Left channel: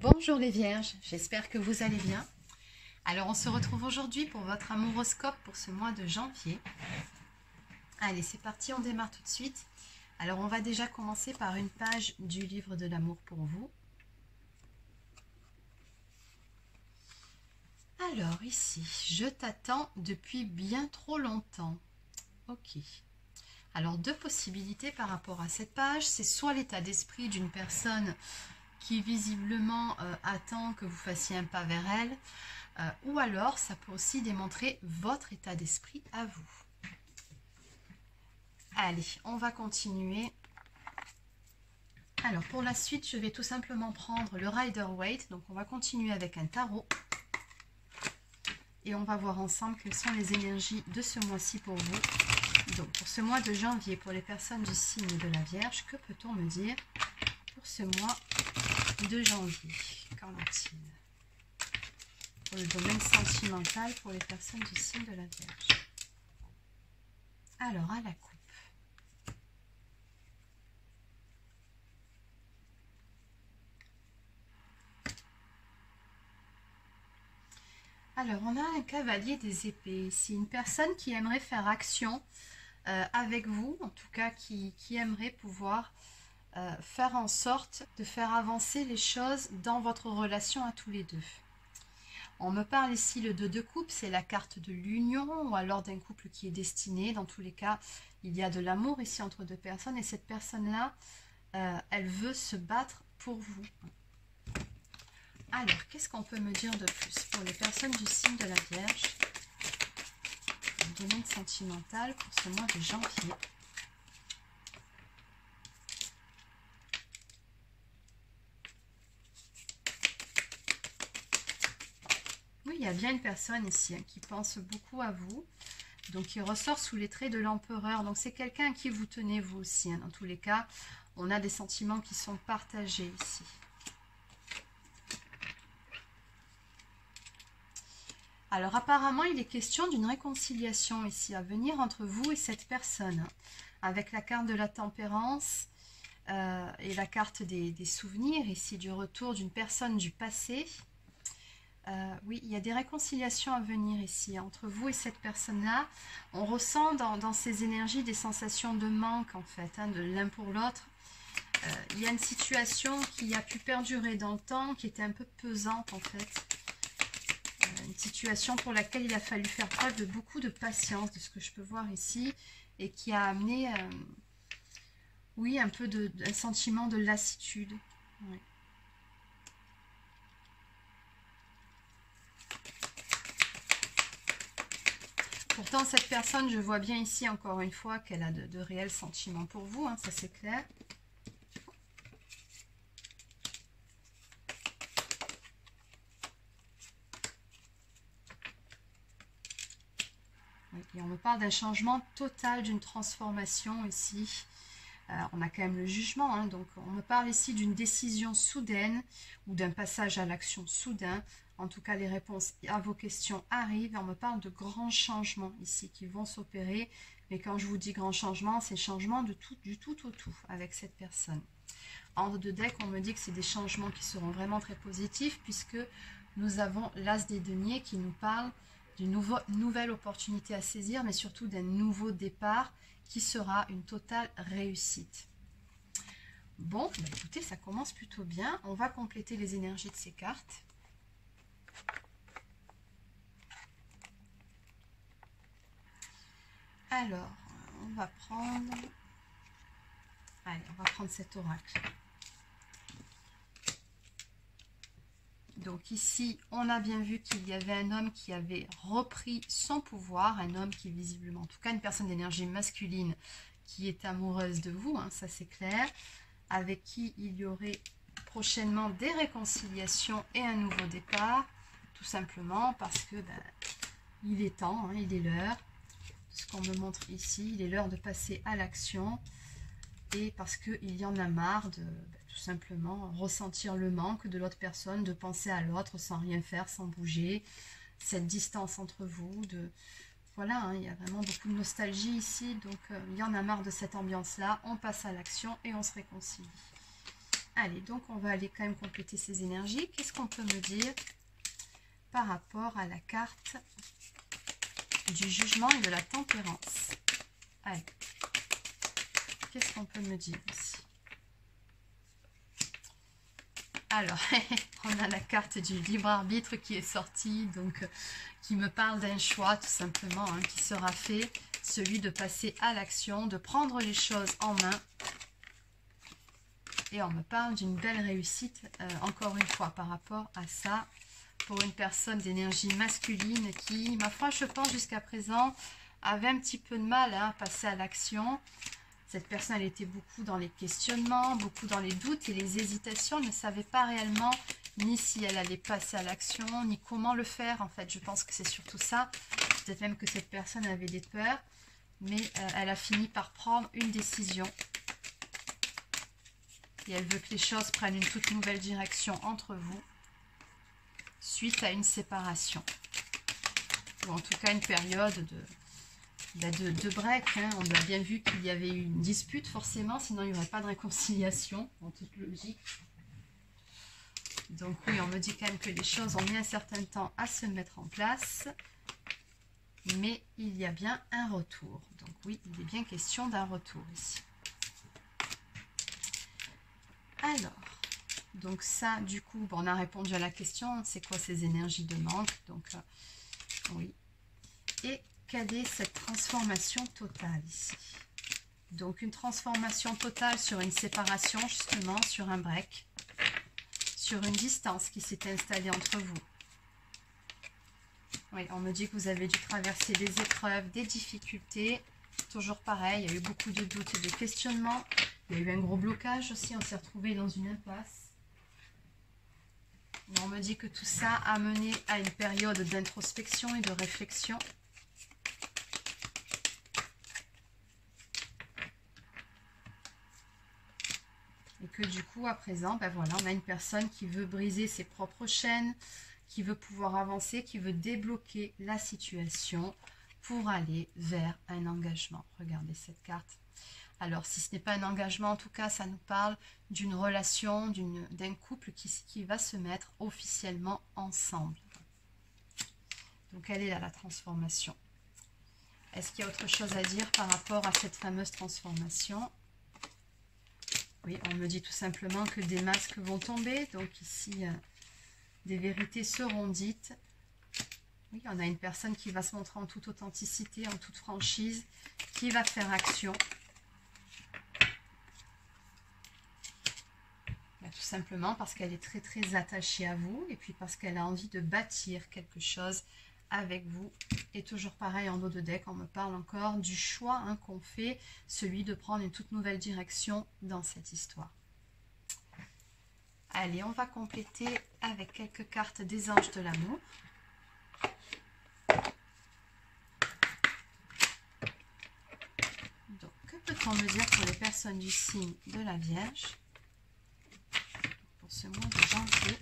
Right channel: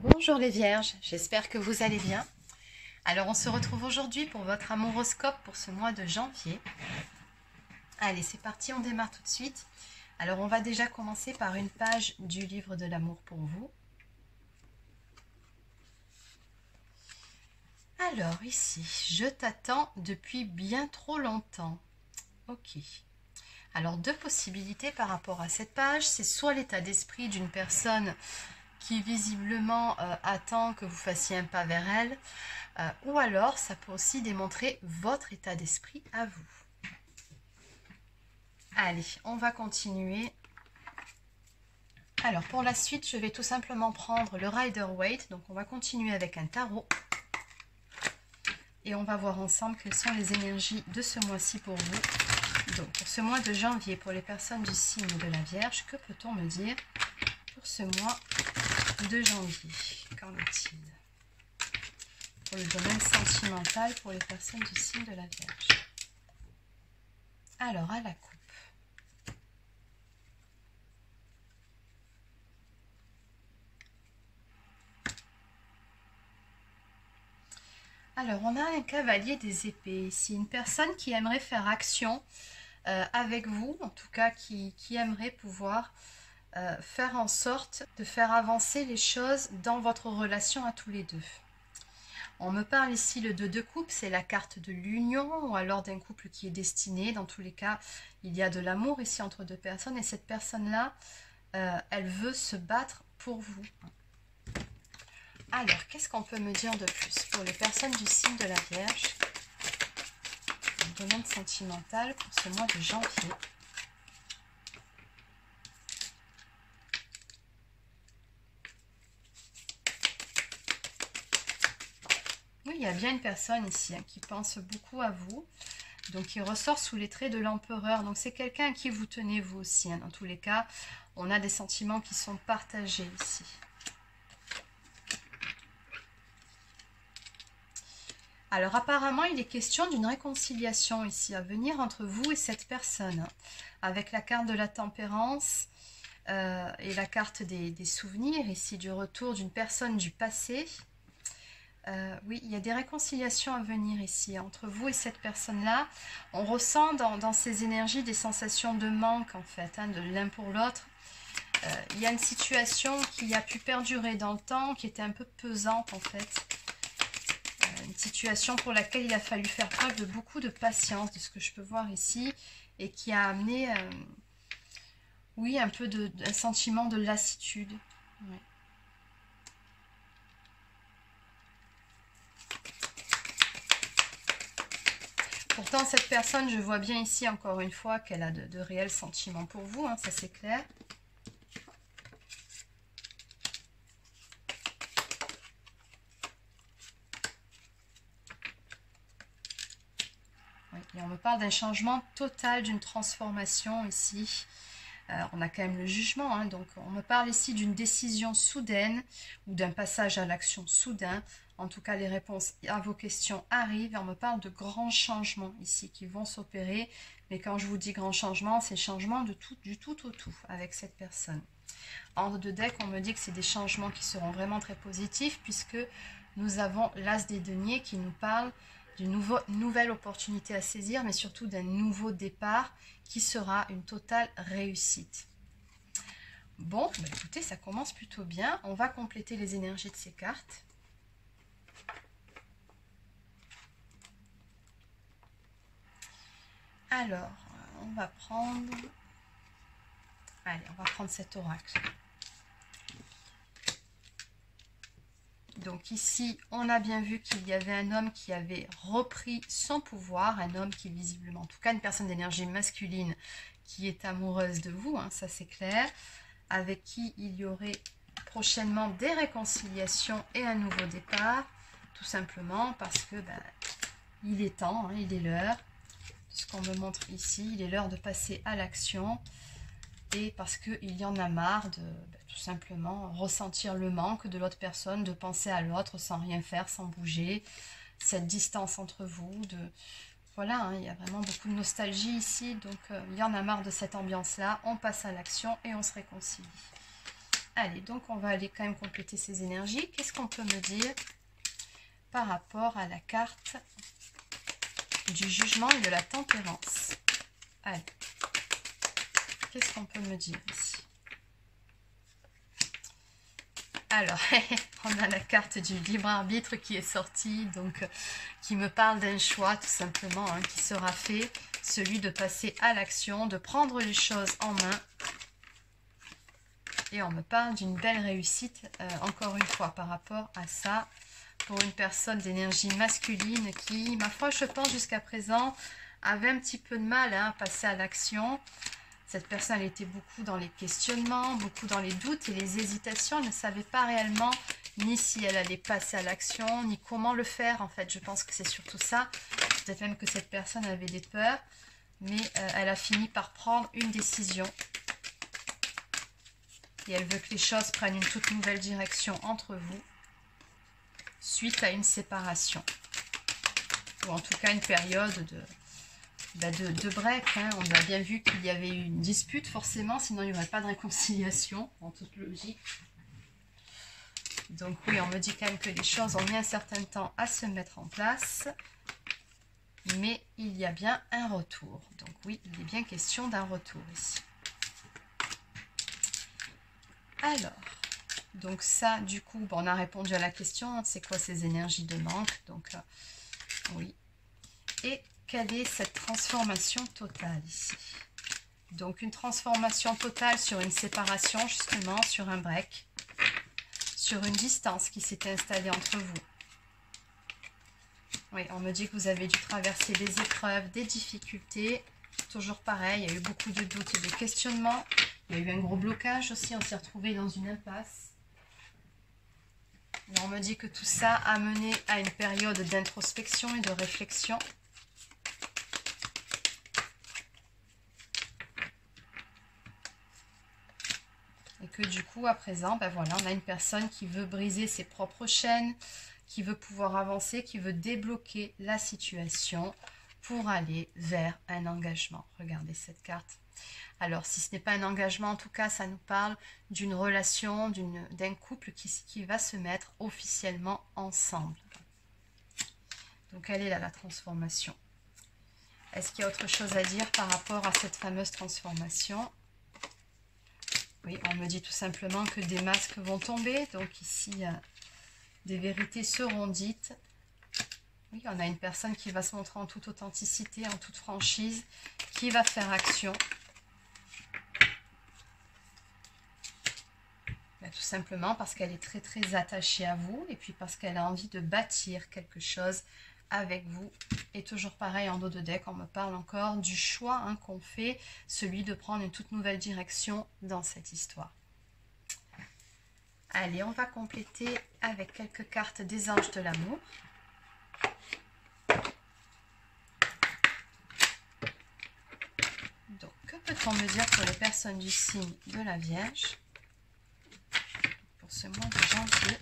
Bonjour les vierges, j'espère que vous allez bien. Alors on se retrouve aujourd'hui pour votre amouroscope pour ce mois de janvier. Allez, c'est parti, on démarre tout de suite. Alors on va déjà commencer par une page du livre de l'amour pour vous. Alors ici, je t'attends depuis bien trop longtemps. Ok. Alors deux possibilités par rapport à cette page, c'est soit l'état d'esprit d'une personne qui visiblement attend que vous fassiez un pas vers elle, ou alors ça peut aussi démontrer votre état d'esprit à vous. Allez, on va continuer. Alors pour la suite, je vais tout simplement prendre le Rider-Waite, donc on va continuer avec un tarot. Et on va voir ensemble quelles sont les énergies de ce mois-ci pour vous. Donc pour ce mois de janvier, pour les personnes du signe de la Vierge, que peut-on me dire pour ce mois de janvier? Qu'en est-il pour le domaine sentimental pour les personnes du signe de la Vierge? Alors à la coupe. Alors on a un cavalier des épées ici, une personne qui aimerait faire action avec vous, en tout cas qui aimerait pouvoir faire en sorte de faire avancer les choses dans votre relation à tous les deux. On me parle ici le 2 de coupe, c'est la carte de l'union ou alors d'un couple qui est destiné. Dans tous les cas, il y a de l'amour ici entre deux personnes et cette personne-là, elle veut se battre pour vous. Alors, qu'est-ce qu'on peut me dire de plus pour les personnes du signe de la Vierge, le domaine sentimental pour ce mois de janvier? Oui, il y a bien une personne ici qui pense beaucoup à vous, donc qui ressort sous les traits de l'empereur. Donc c'est quelqu'un à qui vous tenez vous aussi. Dans tous les cas, on a des sentiments qui sont partagés ici. Alors apparemment, il est question d'une réconciliation ici à venir entre vous et cette personne, avec la carte de la tempérance et la carte des souvenirs ici, du retour d'une personne du passé. Oui, il y a des réconciliations à venir ici entre vous et cette personne-là. On ressent dans ces énergies des sensations de manque en fait, de l'un pour l'autre. Il y a une situation qui a pu perdurer dans le temps, qui était un peu pesante en fait. Une situation pour laquelle il a fallu faire preuve de beaucoup de patience, de ce que je peux voir ici, et qui a amené, oui, un peu un sentiment de lassitude. Ouais. Pourtant, cette personne, je vois bien ici, encore une fois, qu'elle a de réels sentiments pour vous, ça c'est clair. Oui, et on me parle d'un changement total, d'une transformation ici. On a quand même le jugement, donc on me parle ici d'une décision soudaine ou d'un passage à l'action soudain. En tout cas, les réponses à vos questions arrivent et on me parle de grands changements ici qui vont s'opérer. Mais quand je vous dis grands changements, c'est changement du tout au tout avec cette personne. Ordre de deck, on me dit que c'est des changements qui seront vraiment très positifs puisque nous avons l'As des deniers qui nous parle d'une nouvelle opportunité à saisir, mais surtout d'un nouveau départ qui sera une totale réussite. Bon, écoutez, ça commence plutôt bien. On va compléter les énergies de ces cartes. Alors, on va prendre... Allez, on va prendre cet oracle. Donc ici, on a bien vu qu'il y avait un homme qui avait repris son pouvoir, un homme qui visiblement, en tout cas une personne d'énergie masculine qui est amoureuse de vous, ça c'est clair, avec qui il y aurait prochainement des réconciliations et un nouveau départ, tout simplement parce que il est temps, il est l'heure, ce qu'on me montre ici, il est l'heure de passer à l'action. Et parce qu'il y en a marre de tout simplement ressentir le manque de l'autre personne, de penser à l'autre sans rien faire, sans bouger, cette distance entre vous, voilà, il y a vraiment beaucoup de nostalgie ici, donc il y en a marre de cette ambiance-là, on passe à l'action et on se réconcilie. Allez, donc on va aller quand même compléter ces énergies. Qu'est-ce qu'on peut me dire par rapport à la carte du jugement et de la tempérance? Allez, qu'est-ce qu'on peut me dire ici? Alors, on a la carte du libre arbitre qui est sortie, donc qui me parle d'un choix tout simplement hein, qui sera fait, celui de passer à l'action, de prendre les choses en main. Et on me parle d'une belle réussite, encore une fois, par rapport à ça, pour une personne d'énergie masculine qui, ma foi, je pense jusqu'à présent, avait un petit peu de mal hein, à passer à l'action. Cette personne, elle était beaucoup dans les questionnements, beaucoup dans les doutes et les hésitations. Elle ne savait pas réellement ni si elle allait passer à l'action, ni comment le faire. En fait, je pense que c'est surtout ça. Peut-être même que cette personne avait des peurs, mais elle a fini par prendre une décision. Et elle veut que les choses prennent une toute nouvelle direction entre vous suite à une séparation. Ou en tout cas une période de break. Hein. On a bien vu qu'il y avait eu une dispute forcément, sinon il n'y aurait pas de réconciliation en toute logique. Donc oui, on me dit quand même que les choses ont mis un certain temps à se mettre en place. Mais il y a bien un retour. Donc oui, il est bien question d'un retour ici. Alors, donc ça, du coup, bon, on a répondu à la question, c'est quoi ces énergies de manque? Donc, oui. Et quelle est cette transformation totale ici? Donc, une transformation totale sur une séparation, justement, sur un break, sur une distance qui s'est installée entre vous. Oui, on me dit que vous avez dû traverser des épreuves, des difficultés. Toujours pareil, il y a eu beaucoup de doutes et de questionnements. Il y a eu un gros blocage aussi, on s'est retrouvé dans une impasse. Et on me dit que tout ça a mené à une période d'introspection et de réflexion. Et que du coup, à présent, ben voilà, on a une personne qui veut briser ses propres chaînes, qui veut pouvoir avancer, qui veut débloquer la situation pour aller vers un engagement. Regardez cette carte. Alors, si ce n'est pas un engagement, en tout cas, ça nous parle d'une relation, d'un couple qui va se mettre officiellement ensemble. Donc, elle est là, la transformation. Est-ce qu'il y a autre chose à dire par rapport à cette fameuse transformation? Oui, on me dit tout simplement que des masques vont tomber. Donc, ici, des vérités seront dites. Oui, on a une personne qui va se montrer en toute authenticité, en toute franchise, qui va faire action. Tout simplement parce qu'elle est très très attachée à vous et puis parce qu'elle a envie de bâtir quelque chose avec vous. Et toujours pareil, en dos de deck, on me parle encore du choix hein, qu'on fait, celui de prendre une toute nouvelle direction dans cette histoire. Allez, on va compléter avec quelques cartes des anges de l'amour. Donc, que peut-on me dire pour les personnes du signe de la Vierge ? Ce mois de janvier.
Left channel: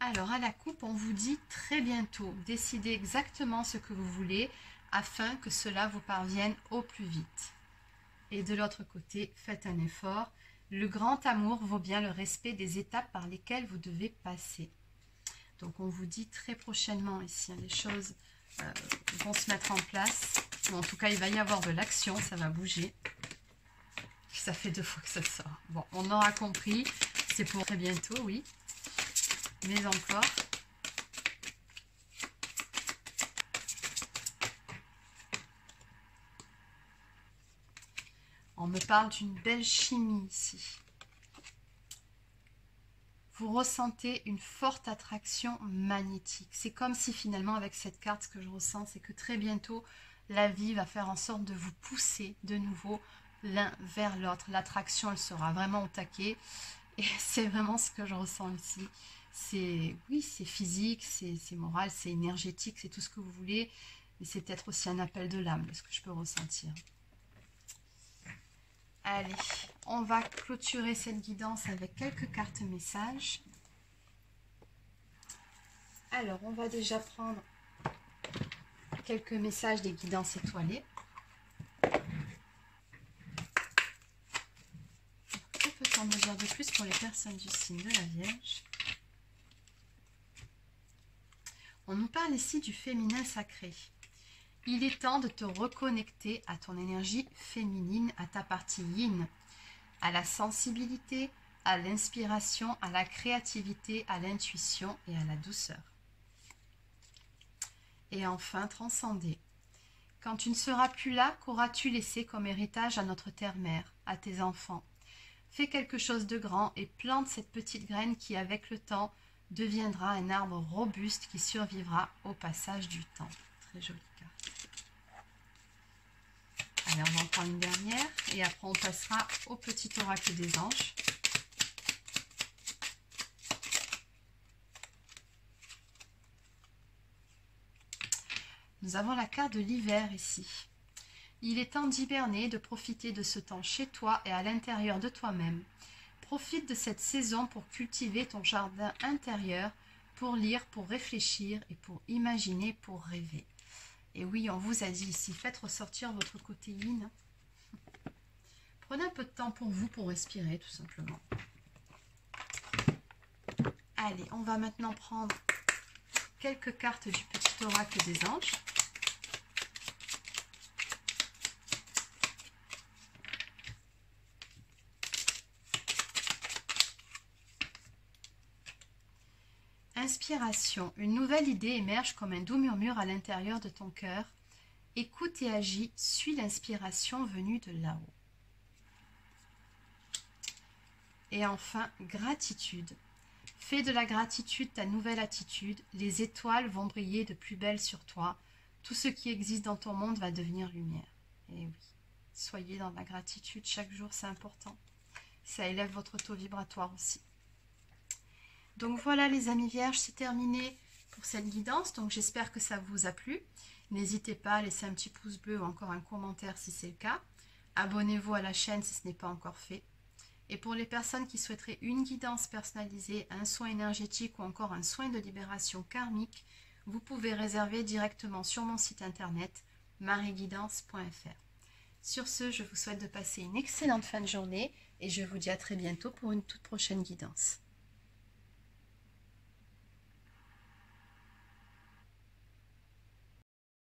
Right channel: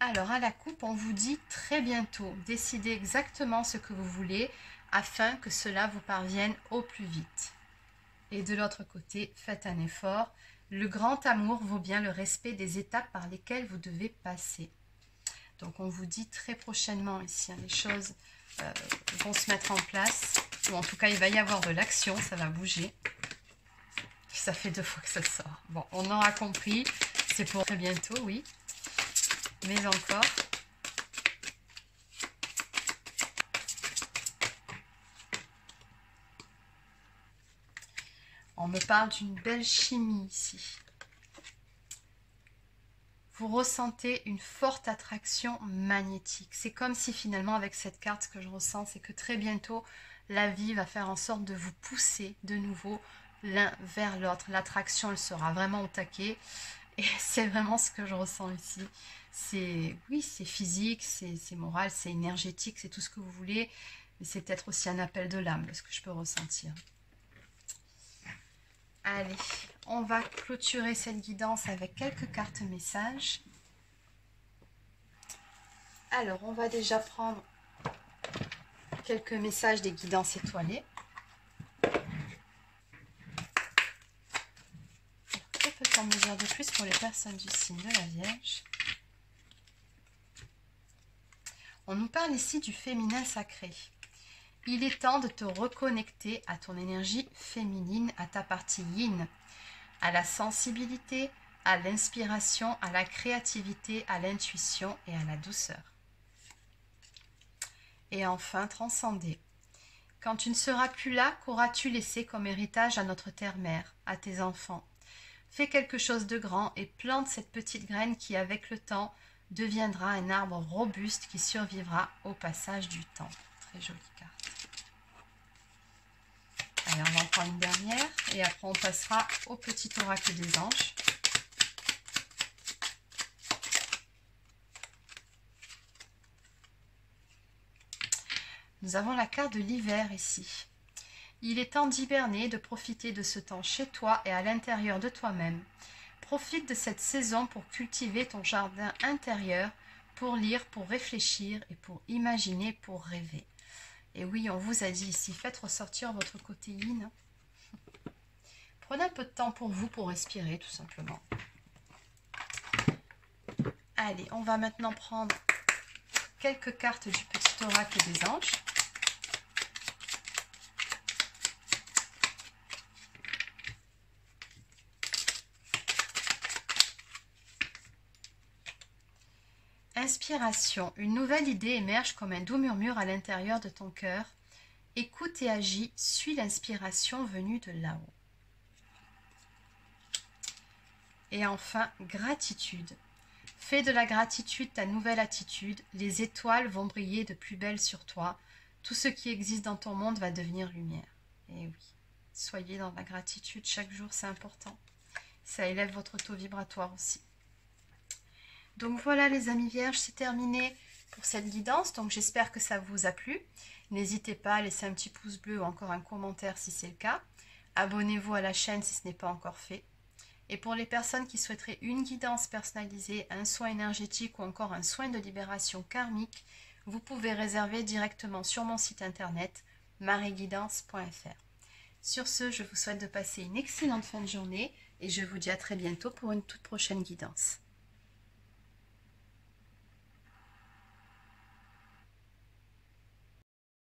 Alors à la coupe, on vous dit très bientôt, décidez exactement ce que vous voulez afin que cela vous parvienne au plus vite. Et de l'autre côté, faites un effort. Le grand amour vaut bien le respect des étapes par lesquelles vous devez passer. Donc on vous dit très prochainement ici, hein, les choses vont se mettre en place, ou en tout cas il va y avoir de l'action, ça va bouger. Ça fait 2 fois que ça sort. Bon, on aura compris, c'est pour très bientôt, oui. Mais encore. On me parle d'une belle chimie ici. Vous ressentez une forte attraction magnétique. C'est comme si finalement avec cette carte, ce que je ressens, c'est que très bientôt, la vie va faire en sorte de vous pousser de nouveau l'un vers l'autre. L'attraction, elle sera vraiment au taquet. Et c'est vraiment ce que je ressens ici. Oui, c'est physique, c'est moral, c'est énergétique, c'est tout ce que vous voulez. Mais c'est peut-être aussi un appel de l'âme, ce que je peux ressentir. Allez, on va clôturer cette guidance avec quelques cartes messages. Alors, on va déjà prendre quelques messages des guidances étoilées. Que peut-on me dire de plus pour les personnes du signe de la Vierge? On nous parle ici du féminin sacré. Il est temps de te reconnecter à ton énergie féminine, à ta partie yin, à la sensibilité, à l'inspiration, à la créativité, à l'intuition et à la douceur. Et enfin, transcender. Quand tu ne seras plus là, qu'auras-tu laissé comme héritage à notre terre-mère, à tes enfants? Fais quelque chose de grand et plante cette petite graine qui, avec le temps, deviendra un arbre robuste qui survivra au passage du temps. Très jolie carte. Allez, on va en prendre une dernière et après on passera au petit oracle des anges. Nous avons la carte de l'hiver ici. Il est temps d'hiberner, de profiter de ce temps chez toi et à l'intérieur de toi-même. Profite de cette saison pour cultiver ton jardin intérieur, pour lire, pour réfléchir et pour imaginer, pour rêver. Et oui, on vous a dit ici, faites ressortir votre côté yin. Prenez un peu de temps pour vous, pour respirer tout simplement. Allez, on va maintenant prendre quelques cartes du petit oracle des anges. Inspiration. Une nouvelle idée émerge comme un doux murmure à l'intérieur de ton cœur. Écoute et agis, suis l'inspiration venue de là-haut. Et enfin, gratitude. Fais de la gratitude ta nouvelle attitude. Les étoiles vont briller de plus belle sur toi. Tout ce qui existe dans ton monde va devenir lumière. Et oui, soyez dans la gratitude chaque jour, c'est important. Ça élève votre taux vibratoire aussi. Donc voilà les amis vierges, c'est terminé pour cette guidance. Donc j'espère que ça vous a plu. N'hésitez pas à laisser un petit pouce bleu ou encore un commentaire si c'est le cas. Abonnez-vous à la chaîne si ce n'est pas encore fait. Et pour les personnes qui souhaiteraient une guidance personnalisée, un soin énergétique ou encore un soin de libération karmique, vous pouvez réserver directement sur mon site internet marieguidance.fr. Sur ce, je vous souhaite de passer une excellente fin de journée et je vous dis à très bientôt pour une toute prochaine guidance.